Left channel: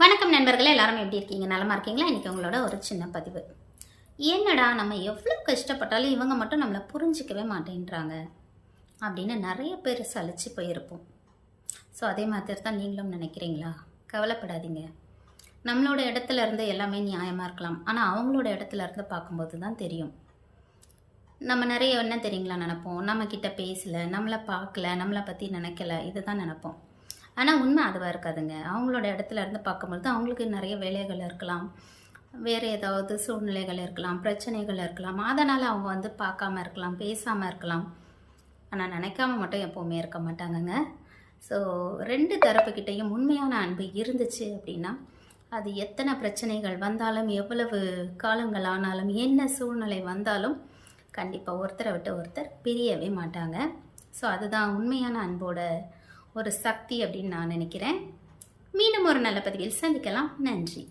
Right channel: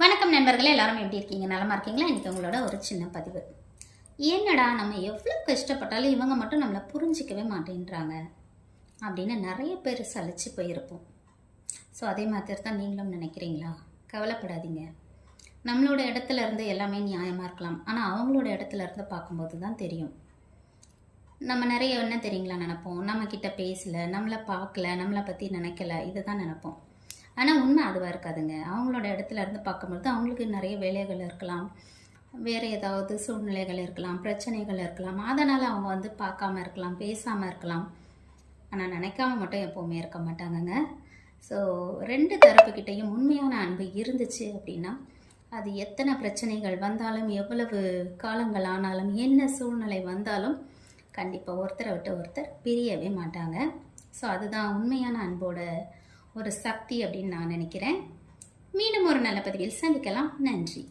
வணக்கம் நண்பர்களே, எல்லாரும் எப்படி இருக்கீங்க? நலமா இருக்கீங்களா? இன்றைக்கி உங்களோட ஒரு சின்ன பதிவு. என்னடா நம்ம எவ்வளோ கஷ்டப்பட்டாலும் இவங்க மட்டும் நம்மளை புரிஞ்சிக்கவே மாட்டேன்றாங்க அப்படின்னு நிறைய பேர் சலிச்சு போயிருப்போம். ஸோ அதே மாதிரி தான் நீங்களும் நினைக்கிறீங்களா? கவலைப்படாதீங்க. நம்மளோட இடத்துல இருந்து எல்லாமே நியாயமாக இருக்கலாம், ஆனால் அவங்களோட இடத்துல இருந்து பார்க்கும்போது தான் தெரியும். நம்ம நிறைய என்ன தெரியுங்களா நினைப்போம், நம்மக்கிட்ட பேசலை, நம்மளை பார்க்கல, நம்மளை பற்றி நினைக்கல, இதை தான் நினைப்போம். ஆனால் உண்மை அதுவாக இருக்காதுங்க. அவங்களோட இடத்துல இருந்து பார்க்கும்பொழுது அவங்களுக்கு நிறைய வேலைகள் இருக்கலாம், வேறு ஏதாவது சூழ்நிலைகள் இருக்கலாம், பிரச்சனைகள் இருக்கலாம். அதனால் அவங்க பார்க்காம இருக்கலாம், பேசாமல் இருக்கலாம். ஆனால் நினைக்காம மட்டும் எப்போவுமே இருக்க மாட்டாங்கங்க. ஸோ 2 தரப்புக்கிட்டையும் உண்மையான அன்பு இருந்துச்சு அப்படின்னா அது எத்தனை பிரச்சனைகள் வந்தாலும், எவ்வளவு காலங்கள் ஆனாலும், என்ன சூழ்நிலை வந்தாலும் கண்டிப்பாக ஒருத்தரை விட்டு ஒருத்தர் பிரியவே மாட்டாங்க. ஸோ அதுதான் உண்மையான அன்போட ஒரு சக்தி அப்படின்னு நான் நினைக்கிறேன். மீண்டும் ஒரு நல்ல பதிவில் சந்திக்கலாம். நன்றி.